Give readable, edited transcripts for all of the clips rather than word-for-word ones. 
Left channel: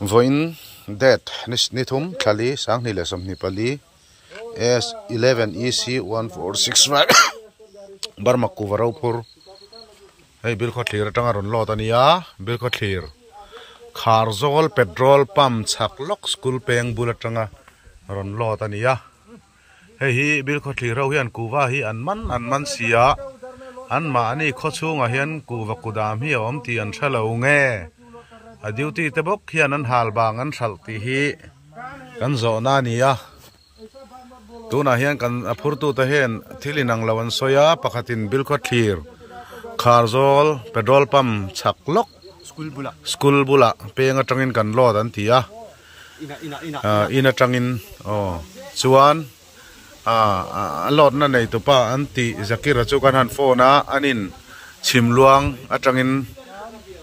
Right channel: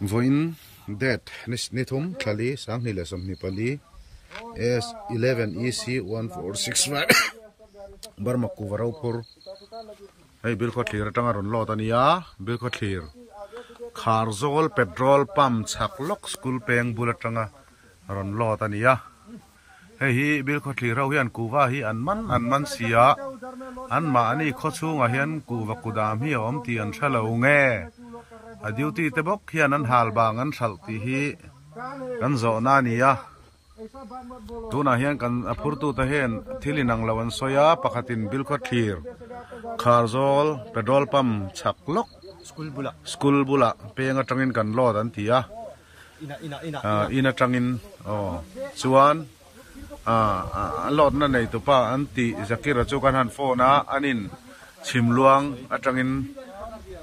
Voin that nithum thali sang ni lesam ni pali S11 EC 1465 Burma Kuvarapur. Hey, Bill Cotler Tangaron Lotania, Bill Cotler Carzol petrol pump Chaklok school paying bulletanga Ron Lotania. Hey, Bill Cotler and Kuva and man sia and mani Kochung ahen Kuva Kudam here omti and Shallow. A duty the book here and halbang and salty he can zonania. Tuna hen can apurtu the hen tilinang lawan soya pakatin bilkot clear. Carzol petrol pump chaklok school bula paying a trangin can lord and tia in a trangin oh suan lord na to pa anti zakira chukan han phona anin chimluang atrangin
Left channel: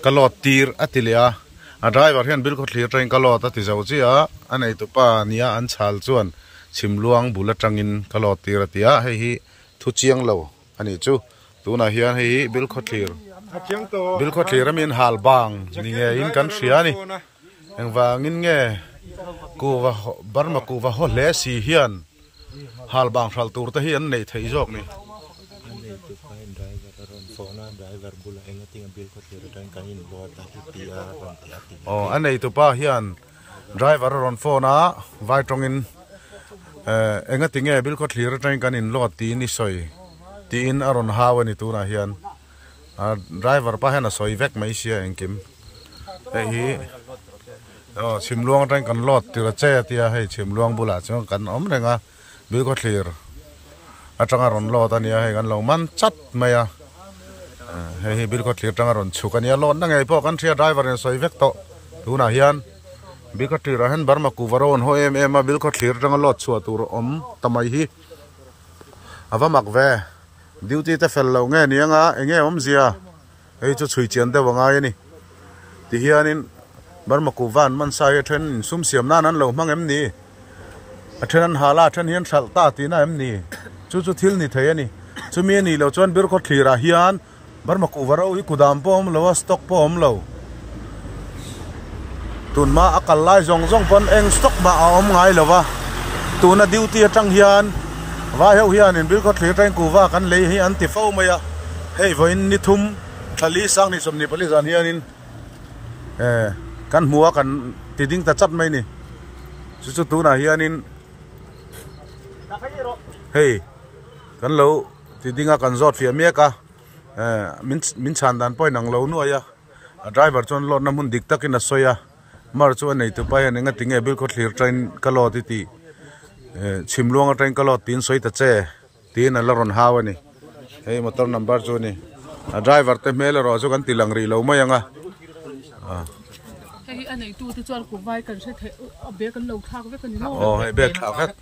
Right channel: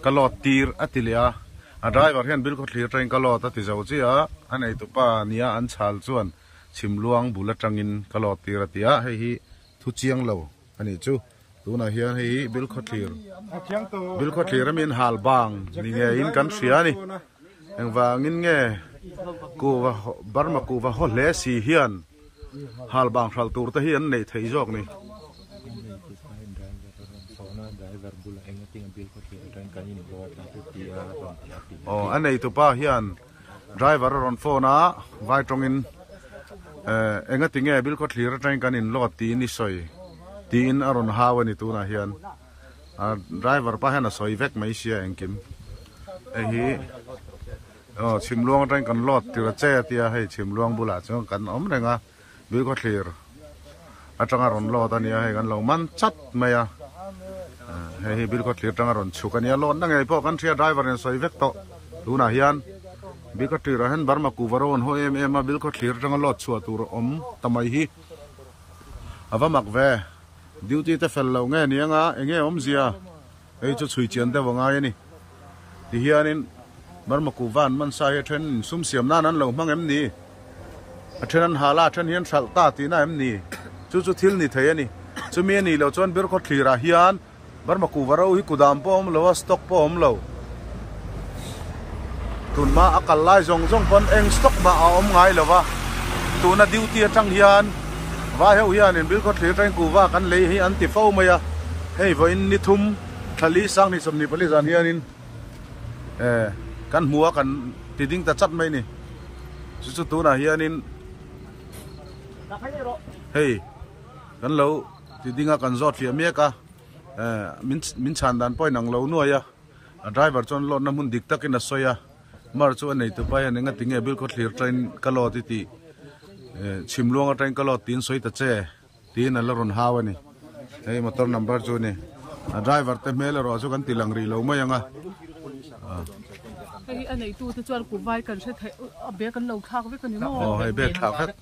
kalot tir atilia. A driver here bill got clear train kalot at is out and to pa nia and chal chuan chimluang bulatangin kalot tiratia he to chiang low and it too tuna here he bill got clear bill got clear mean hal bang in country and vang in go Burma Kuva Holesi hian hal bang shall tour to hian nate his ogni. Oh, ane to pa hian driver on phone vai trong in engating e bil ko clear train kan in lot ti ni soi ti in aron hawa ni tu na hian driver pa hana soi vek mai sia engkim hi chimluang train kan lot ti che ti he chimluang bula chong kan om renga bil ko clear atang aron lot ani he kan lo man chat maya he bil ko clear tang aron chukan ya lot na ngai po kan thia driver en soi vek to tuna hian bil ko clear han Burma Kuvaron ho em bil ko clear tang lot chu tur om tamai hi avamak ve duty te fel lo nge nianga enge om zia ei chu chui chen te wanga ni ti hianin Burma Kuvan man sai then sum siam na nan lo mang em ni a then hala then hian thal ta ti na em ni chu thil ni thei ani chu mi ni lo chon bil ko clear a hian Burma Kuvaro hi kudam pom lo stock pom lo tun ma akal lai zong pon eng stock ma om ngai lo wa tuna duty atang hian wa heu hian in bil ko thli tang kuwa kan le hi anti fo maya hei voin ni thum thali sang ni somni pali zan hian in kan muwa kan tiding ta chat mai ni chu tuna hian in hei kan lo tidinga kan zot fi meka min chan dan poi nang lo nu ya driver chon lot na mun dik takin a soya mar chu nei to pa ya nga tinge bil ko clear train kalot ti chimluang train kalot tin soi ta che tin a laron hawani hey motor number chu ni driver te mel ro chu kan tilang ri lo mai anga hey anei tu te chuan ku vai kan se thei a be kan lo khak ve kan ni mo oh hey be khak